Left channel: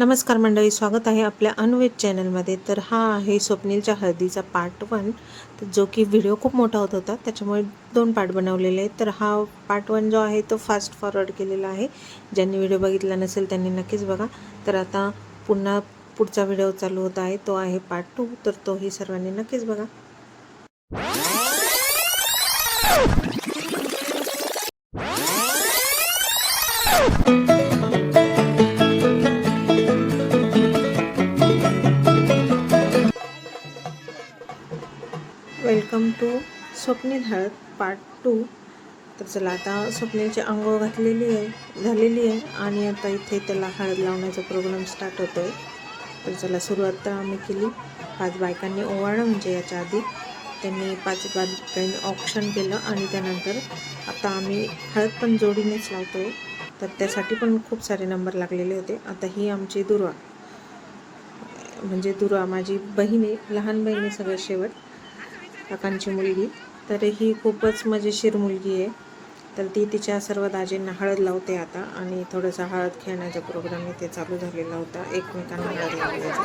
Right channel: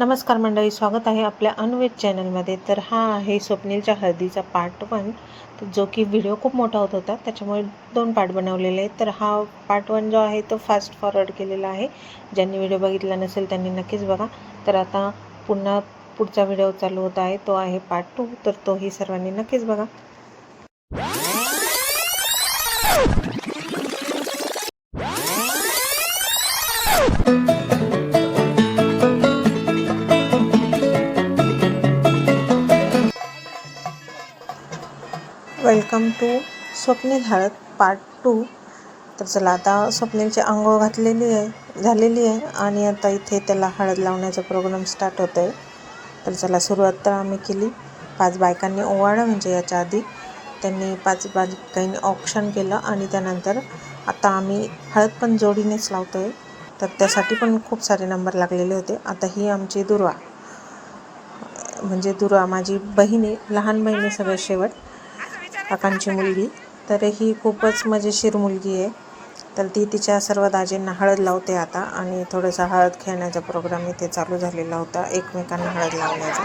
नमस्कार मंडळी, स्वागत आहे आपल्या अन्वेष चॅनलमध्ये। तर हा आहे स्वप्नीलच्या हळदीचा पार्ट 1, जो की व्हिडिओ खूप मोठा होत होता, त्याच्यामुळे 2 पार्ट बनवलेले आहेत। तर हा पार्ट 1 जो आहे तो फास्ट फॉरवर्ड केलेला आहे। ज्यांनी व्हिडिओ बघितला नसेल त्यांनी नक्कीच बघा। तर आता पुन्हा पुढचा व्हिडिओ चालू होत आहे, तो आहे पार्ट 2, तर तोही सर्वांनी नक्कीच बघा। वेलकम टू स्वप्नील हळद पार्ट 2। तर चला, आता स्वप्नीलची अंघोळ झालेली आहे आणि आता इथे त्याला हळद लावण्याचा प्रोग्राम स्टार्ट होतो आहे। तर चला, सुरुवात तर आम्ही केली। 5 बायकांनी ओवाळलं, म्हणजे याच्या आधी त्यांनी 5 बायकांनी ऑप्शन केलं आणि त्यानंतर आता आम्ही हळद पण जोडीनेच लावतो आहे। तर त्यासाठी पण खूप सारे नंबर लागलेले होते। आता ही आमची दुर्वा, म्हणजे दुर्वा माझी बहिणी, लहान बहिणी सगळ्यात शेवट, काकांची मुलगी। तर ही खूपच मजेशीर मुलगी आहे। तर ती तिच्या सर्व दाजींना हळद लावते आता, आणि थोडासा हळद खेळण्याचा प्रोग्राम इथे चालू झालेला होता, एकमेकांना हळद लावण्याचा।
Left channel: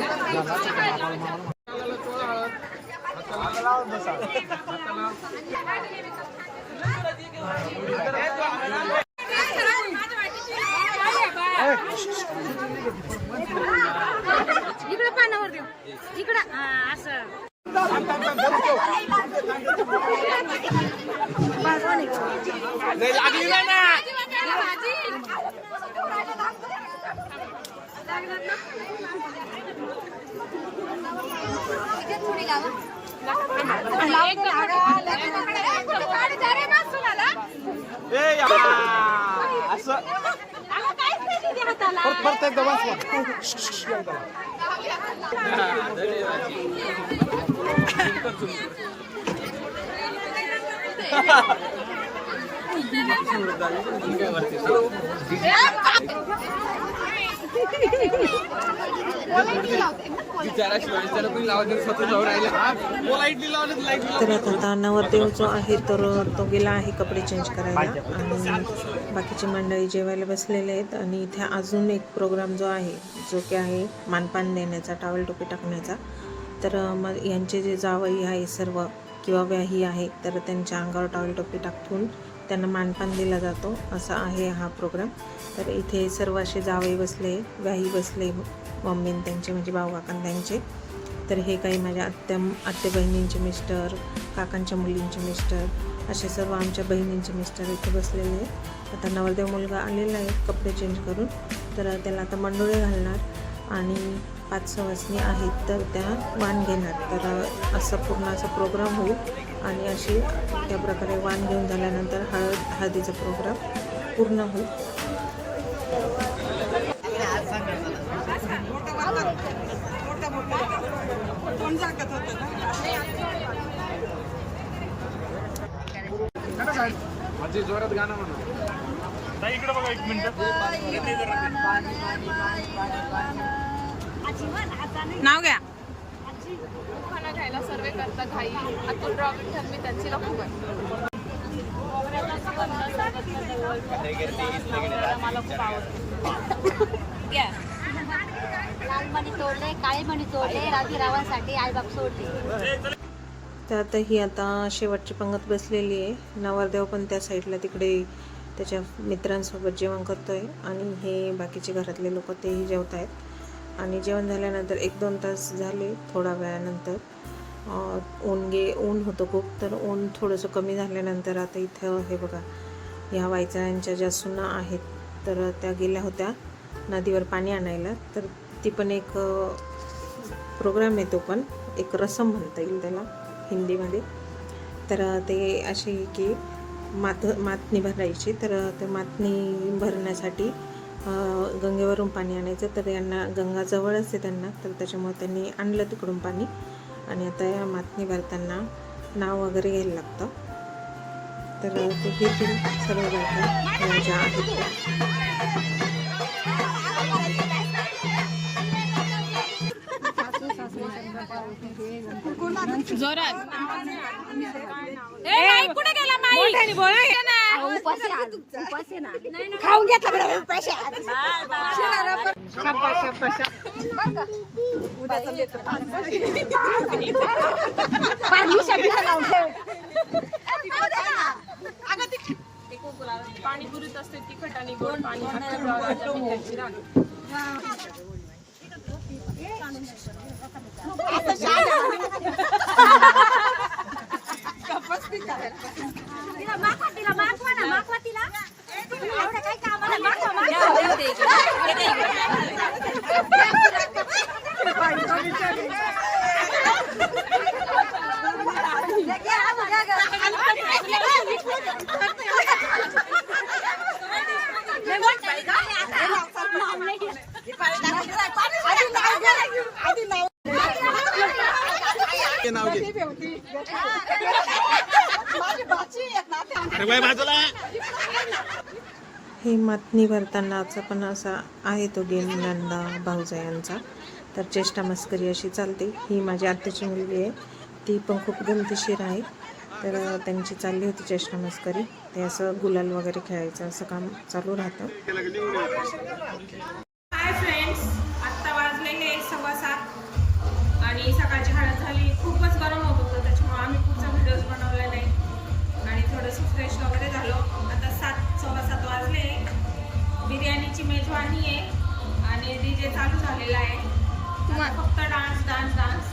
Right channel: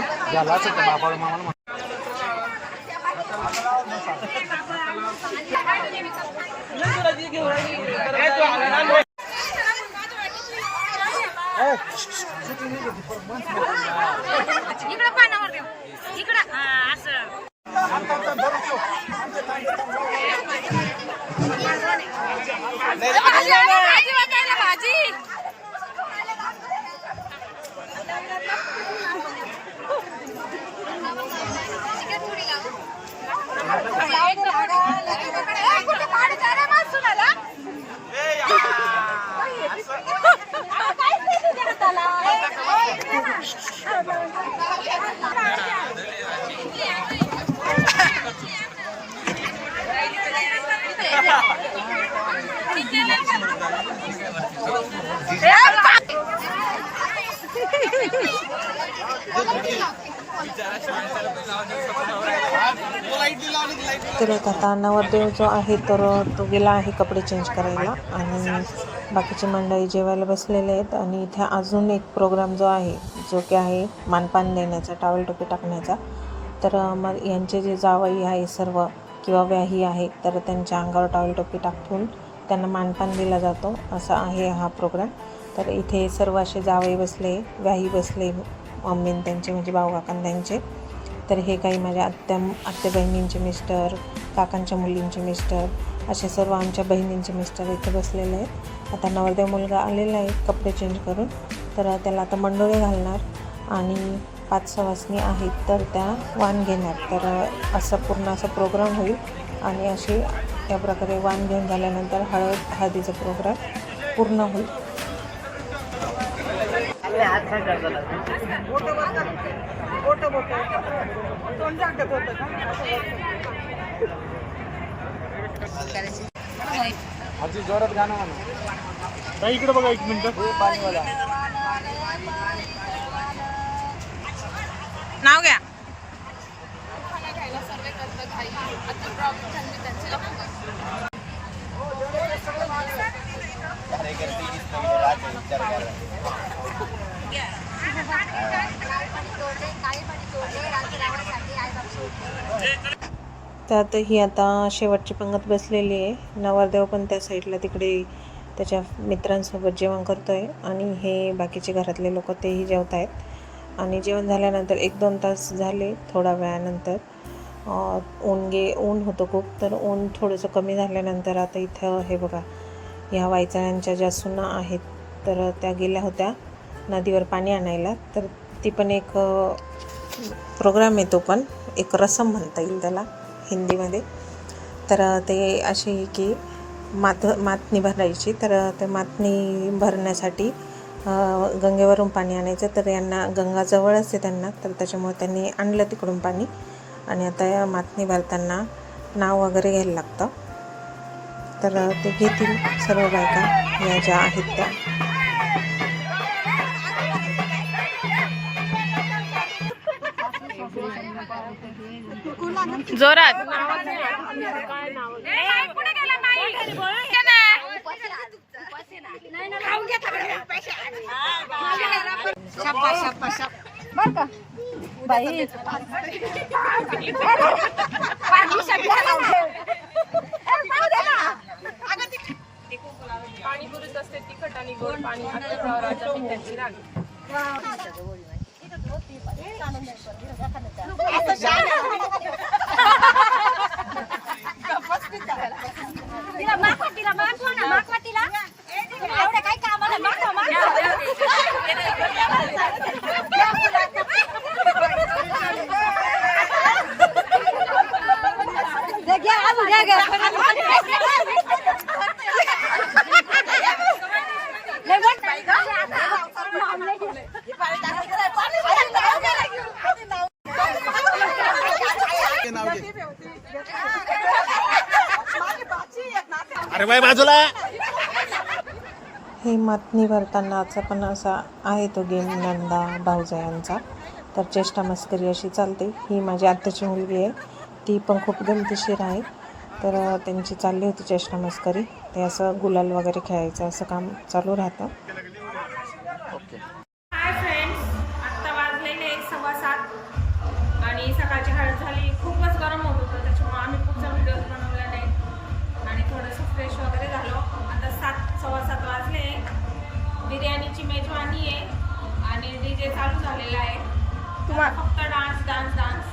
इकडे पानावर देऊ, इकडे असं तर आता नवरदेव जो आहे तर तो गेला आहे कपडे चेंज करायला, आणि बाकीची मंडळी जेवायला बसलेले आहेत। आणि इथे अजून एक प्रोग्राम जो आहे, जो की आहे मानपान देण्याचा, टॉवेल टोपी टाकण्याचा। तर यांचे जे जावई आहे सर्व, किंवा व्याही आहे, तर त्यांच्या अंगावर टॉवेल टोपी टाकून त्यांना मानपान दिला जातो, असा आहे हा प्रोग्राम। तर इथे सर्व असे जावई बसले, व्याही बसले, मम्मीन त्यांचे, म्हणजे भाऊ काकां त्यांचे। तर हे काही माझ्या आत्या बहिणींचे मिस्टर, काकांच्या मुलींचे मिस्टर, असे सर्व आमच्या बहिणींचे मिस्टर इथे बसलेले आहे। आता नवरदेव मुलगा आलेला आहे कपडे चेंज करून, तर त्याला आता मंडोळे घालणार, आणि 5 सवासणी आहेत तर त्या वाण घेणार। तर असा पूर्ण असा प्रोग्राम होईल, आणि अशी त्या प्रकारे वाण घेऊन झाल्यानंतर हळदीचा प्रोग्राम पूर्ण होईल। जोरात गाणं म्हणा, इकडे बघा 1 मिनिट। नाव घ्या। त्यातही आता शेवटची पंगत बसलेली आहे। नवरदेव पण त्या साईडला तिकडे त्याच्या मित्रांसोबत जेवण करतो आहे, आणि हे बाकीचे घरातले लोक तेही जेवत आहेत। आणि जेवण झाल्यानंतर 1-2 तास झाले, थोडा वेळानंतर ऊन होतं खूप, तर ऊन थोडंसं कमी झाल्यानंतर आता इथं हे बघा, ह्या वायचळ्यांच्या ज्या सुना आहेत तर त्या गेल्या होत्या नदीवर पाणी आणायला। तर ती पण एक प्रोग्राम आहे, तो पण एक रसम म्हणता येईल त्याला हिंदीमध्ये। तर ते असे की मातनी भरायची, तर ते मातनी भरण्यासाठी गंगेवरून पाणी आणायचं। तर यांना गंगा जवळच आहे त्यांना, तर त्याच्यामुळे त्यांनी आणलं तिकडून पाणी, आणि आता या मातनी भरताना नाव वगैरे घ्यायला लागतं। तर ते घेतील सर्व बायका या ज्या आहेत त्या। जोरात खाऊन घेतला पैसे शाबास शाबास बर का पाणीपुरीत असते तिखट आणि गोड पाणी अख्ख्या पिठाची रान. नाव घे. अरे बाय बाजूला. हे मातनी भरतानाचा पण असा आहे तो गेम नंदा भाऊजायांचा. तर चेष्टा मस्करी अशी चालते. ही माझी आत्याची मुलगी आहे, ती पण खूप गमतीशीर आहे. तर त्यांची चालली होती चेष्टा मस्करी. ते असं गुलाल वगैरे खेळायचं असं काम चालू राहतं. हाय फ्रेंड्स, आत्ता वाजलेले 7:15 आणि सकाळची हळद झाली. खूपच गरम होत होतं, त्याच्यामुळे आम्ही पुढचा व्हिडिओज बनवला नाही आणि थोडंसं फ्रेश वगैरे झालो. आता 7:15 वाजले. बिर्याणीची मेजवानी आहे आणि DJ चालू झालेला आहे. तुम्हाला फक्त डान्स डान्स डान्स.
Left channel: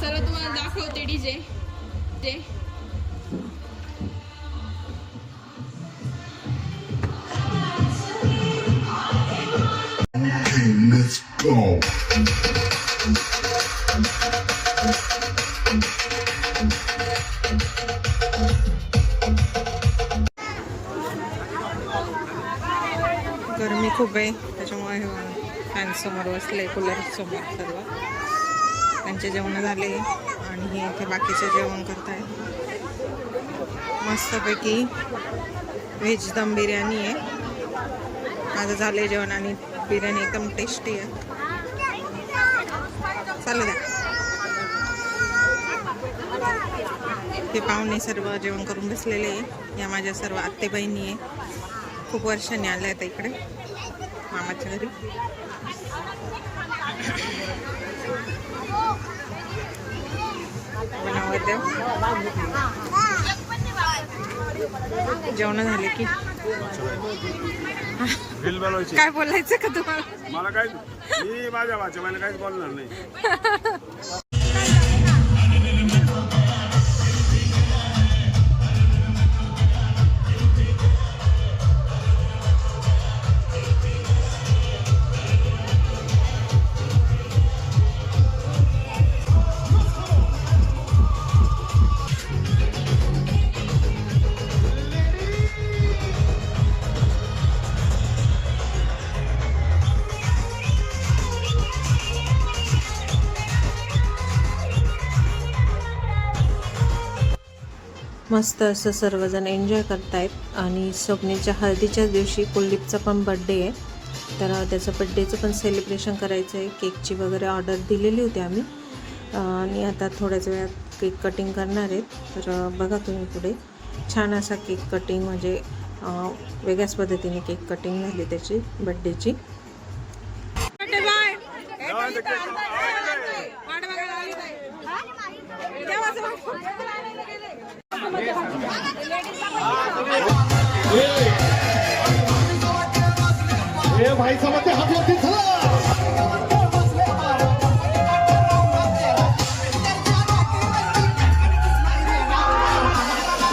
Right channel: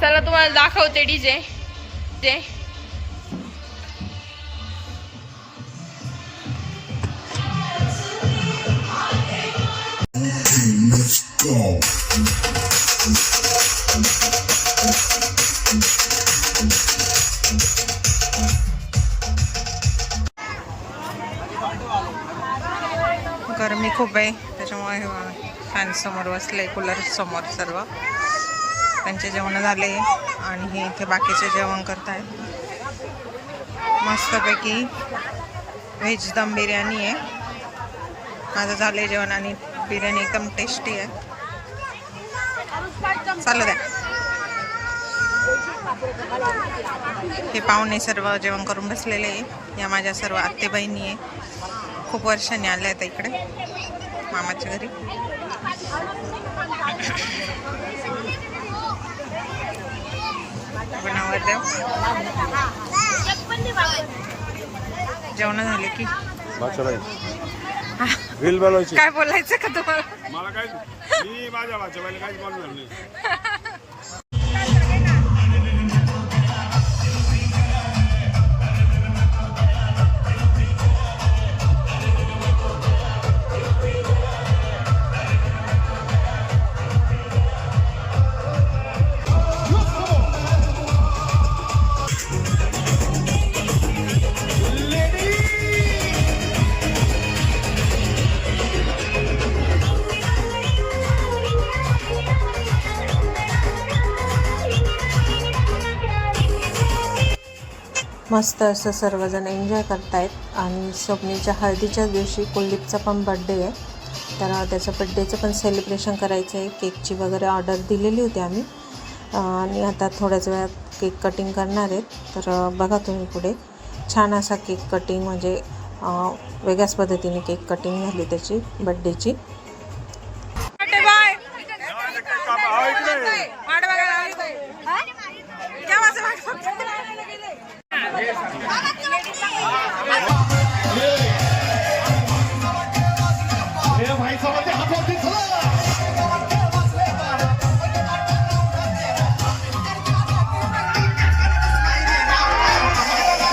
चला तुम्हाला दाखवते DJ. Let's go. गरमी खूप आहे, त्याच्यामुळे फॅन समोर बसले, कूलर समोर सर्व. त्यांचे जेवण झाले आणि हे इथे बाकीचे जेवण करतायत. मस्तपैकी व्हेज दम बिर्याणी आहे. माझं झाले जेवण आणि बिर्याणी एकदम टेस्टी आहे. चालू द्या. हे पाहुणे सर्व जेवण करून बसलेले आहे. या माझ्या सर्व आत्ते बहिणी आहे. खूप वर्षांनी आल्या आहेत इकडे मामाच्या घरी. नवरदेव जेवण झाले की काय बोलायचं का तुम्हाला? मला काय मी माझ्या भाच्याबाईला काहीच बोलणार नाही. मस्त असं सर्वजण एन्जॉय करतायत. आणि स्वप्नीच्या हळदीच्याच दिवशी कुलदीपचा पण बड्डे आहे. तर त्याचं बड्डेचं पण सेलिब्रेशन करायचं आहे. केकची वगैरे ऑर्डर दिलेली होती आम्ही आणि आता थोड्याच वेळात केक कटिंग करणार आहेत. तर बघा तुम्ही पुढे छान असा केक कटिंग, म्हणजे वेगळ्याच पद्धतीने केक कटिंग झाली त्याची बड्डेची. भाई साहब के हाथ वरती चला.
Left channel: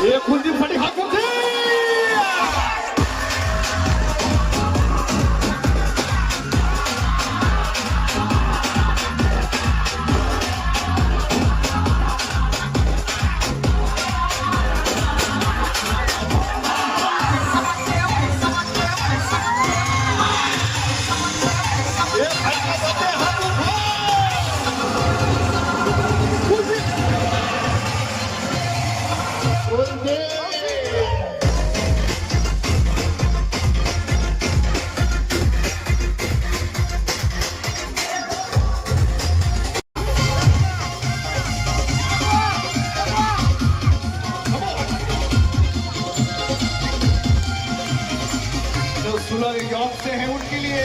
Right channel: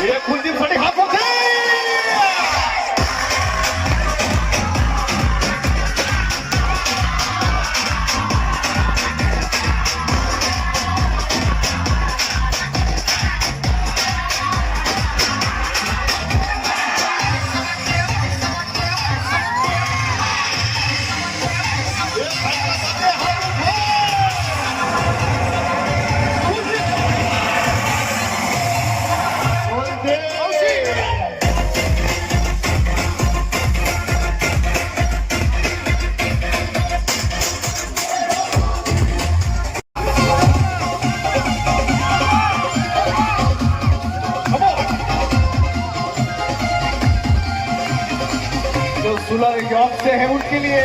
ये कुलदीपसाठी हात वरती. अच्छे हैं उनके लिए।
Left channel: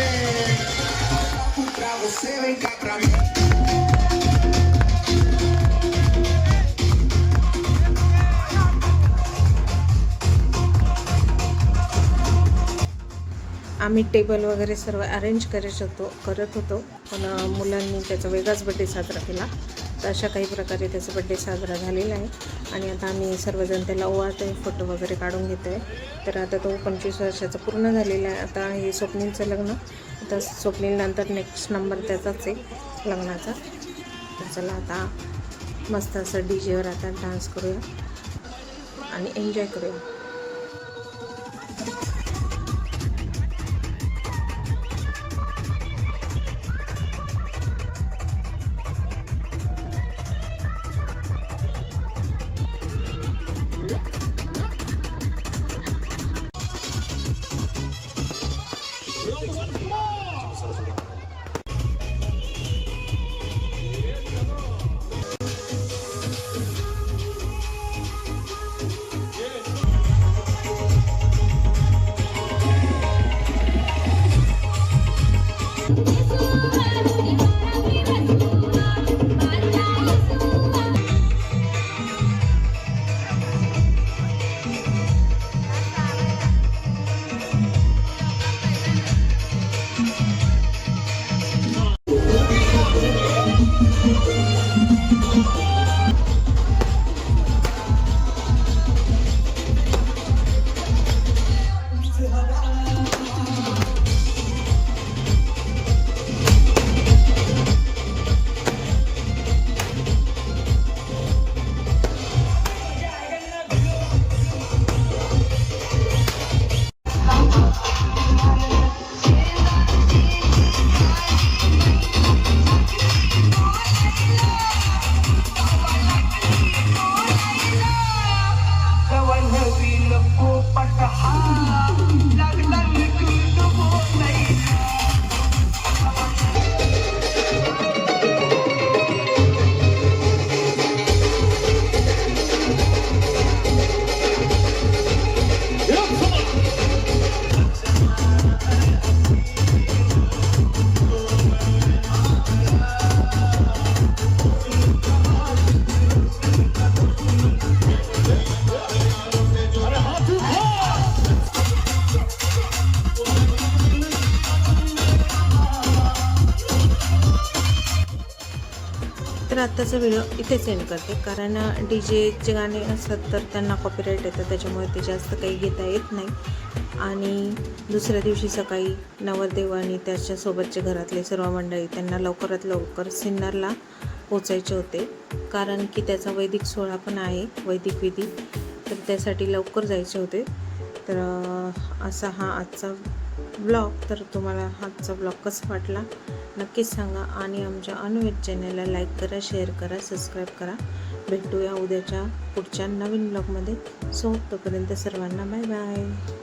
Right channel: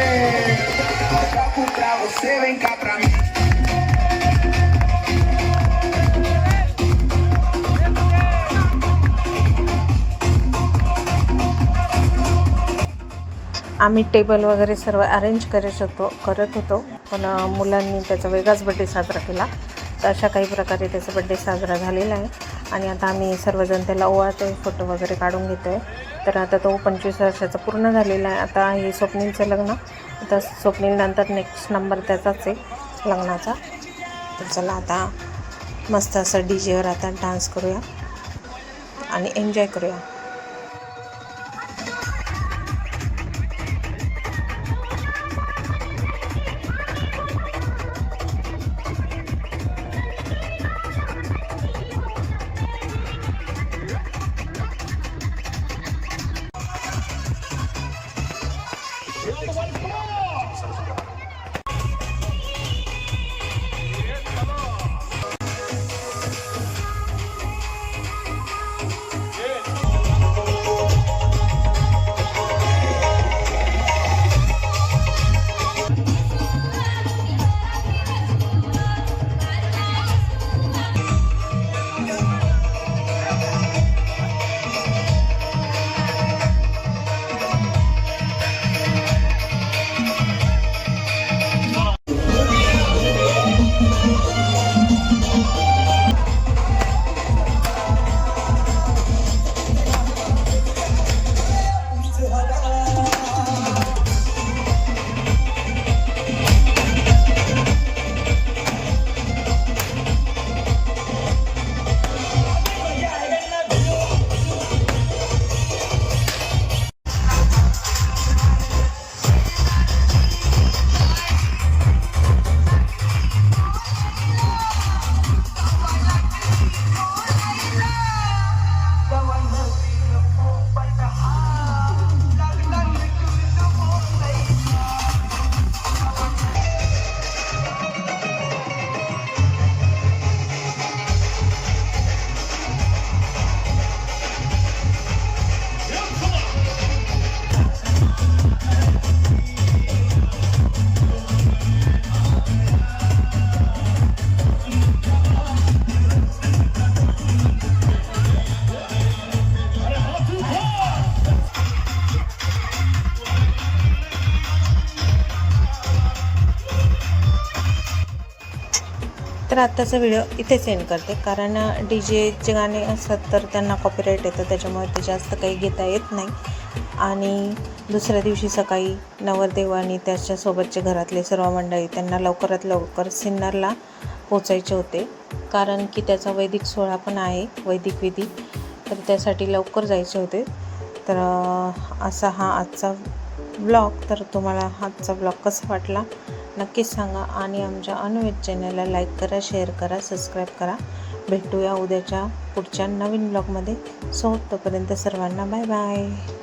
आम्ही टेबल वगैरे सर्व अरेंज करत होतो पण मुलांनी त्याचा वेगळाच बड्डे साजरा केला. तर अशा काही प्रकारे त्याचा बड्डे साजरा झालेला आहे आणि आता आम्ही सर्वजण त्याला ओवाळतो आहे, फोटो वगैरे काढून घेतो आहे. तर आता तो 25 वर्षाचा पूर्ण झालेला आहे. आता हे स्वप्नीलचं लग्न, आता स्वप्नीलनंतर नेक्स्ट नंबर त्याचाच आहे लग्नाचा. तर चला आता मस्त असं डीजेवर आता डान्स करूया आणि एन्जॉय करूया. तर आत्ताचा व्हिडिओ इथेच एंड करते, कारण डीजेचे गाणे असतात तर त्यांना कॉपीराईट येतं, त्याच्यामुळे ते जास्त काही घेता येत नाही. आणि दुसऱ्या दिवशी सकाळी नवरदेव आणि त्याच्यासोबतचे घरातले सर्व मंडळी त्यांना लवकरात लवकर सिन्नरला पोचायचे होते, कारण की त्याचा वैदिक सोहळा पण आहे, वैदिक विधी, तर त्यासाठी लवकर जायचे होते. तर असा हा आजचा ब्लॉग. तर तुम्हाला आजचा ब्लॉग कसा वाटला नक्कीच सांगा आणि आमच्या अनुवेद चॅनलला लाईक करा, शेअर करा, सबस्क्राईब करा. भेटूया उद्याच्या पुढच्या नवीन ब्लॉगमध्ये. सो तोपर्यंत सर्वांना बाय बाय.